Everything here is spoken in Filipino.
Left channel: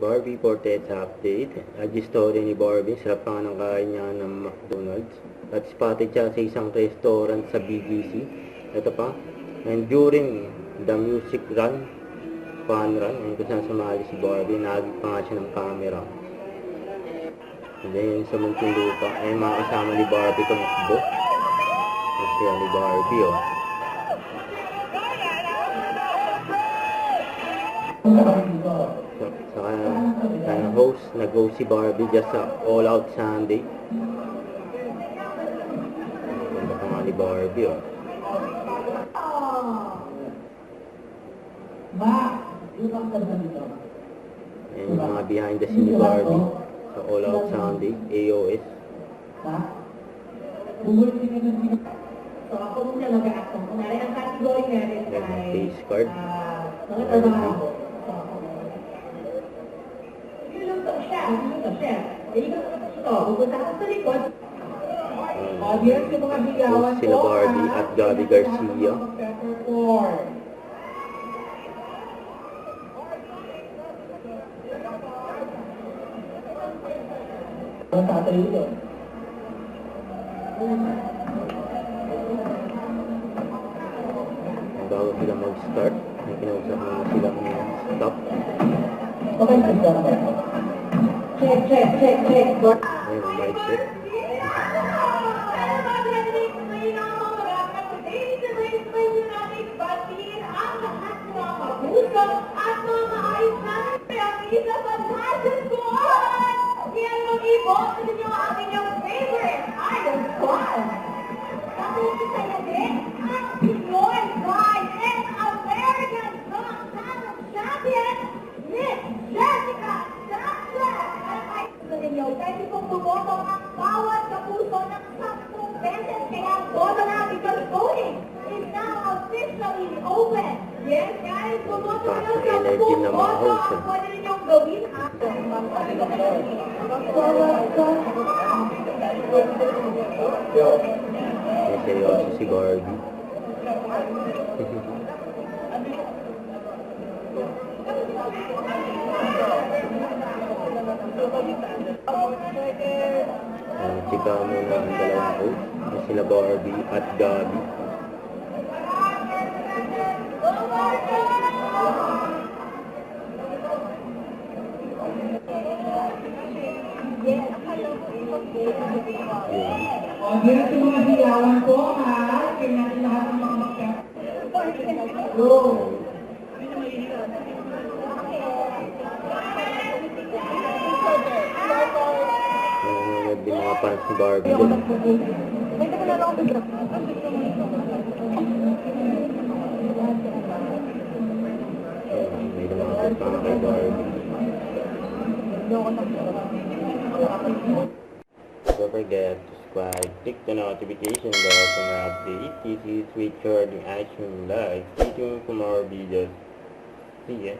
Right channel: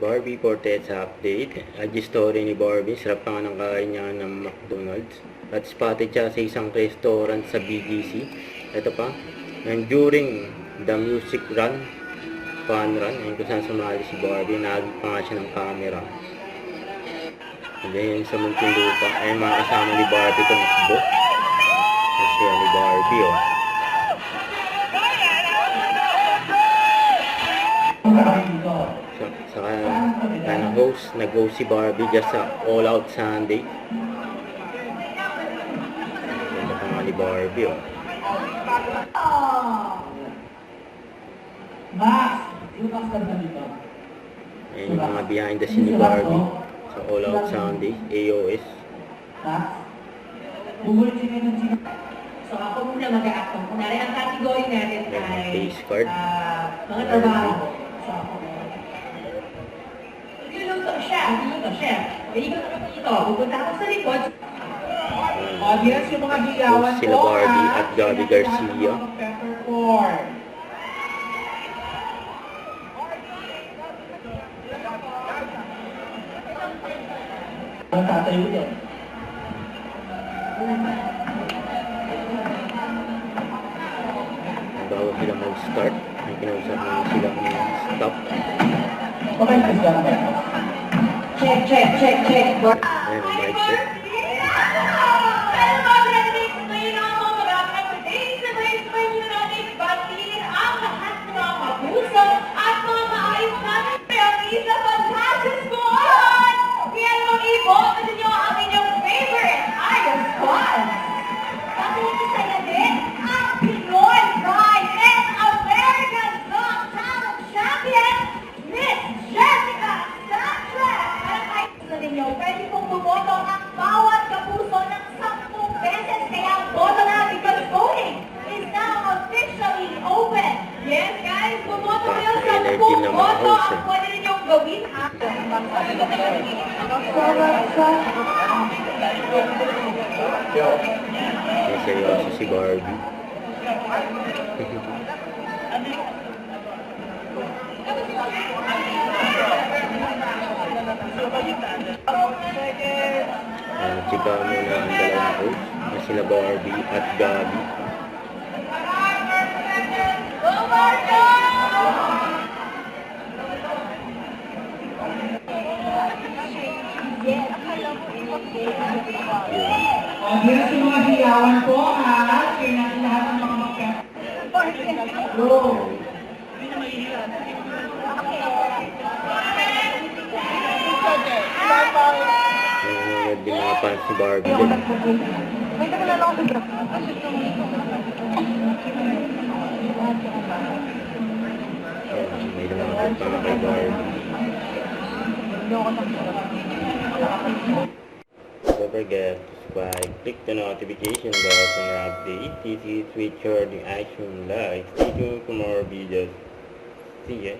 Barbie Forteza update. IG story ni Barbie. Sarap pa nga ng kain niya ng McDonald's. At spotted siya sa isang restaurant sa BGC. Ito pa. And during the music run, fun run, ayun kung saan sumali si Barbie, nahagip pa nga siya ng camera. And then sa Muntinlupa, ayun mga kasama ni Barbie tumakbo. Kasi ni Barbie, oh. Sa nag-host si Barbie just sa All Out Sunday. Ganda pa nga ni Barbie, oh. Ayan yung mga behind the scene ni Barbie sa All Out Sunday, AOS. So ako muna mag-a-actong. Kunwari, ang category natin ay face card. mga trabaho. So ako. Niluluto siya. Ito, pupunta ako sa likod. Audience, yung mga bigawan Sila Barbie at Gabi Garcia. Ang tatayo doon. Bago sila mag-start, may kinausap na silang stop. Okay, check. Ayan ang mic check. Pwede pong bumoto ang bawat kapuso ng 10 beses. Kaya boto na because voting is now officially open. Yes, guys, bumoto kayo sa 10 boto. Pwede ninyong gawin ha. May seryoso si Barbie. Chika muna ang dalawang host na sila Barbie at Gabi. Audience, yung mga hiyawan ko, ha? Kaya natin lahat ng mga magkakaroon. Go! Nanonood din mga fans si Barbie din. May lumakot pa nga kay Barbie. Don't forget to subscribe, click the notification bell for more updates. This is Richard in Action Live. Stay tuned for more videos. See ya.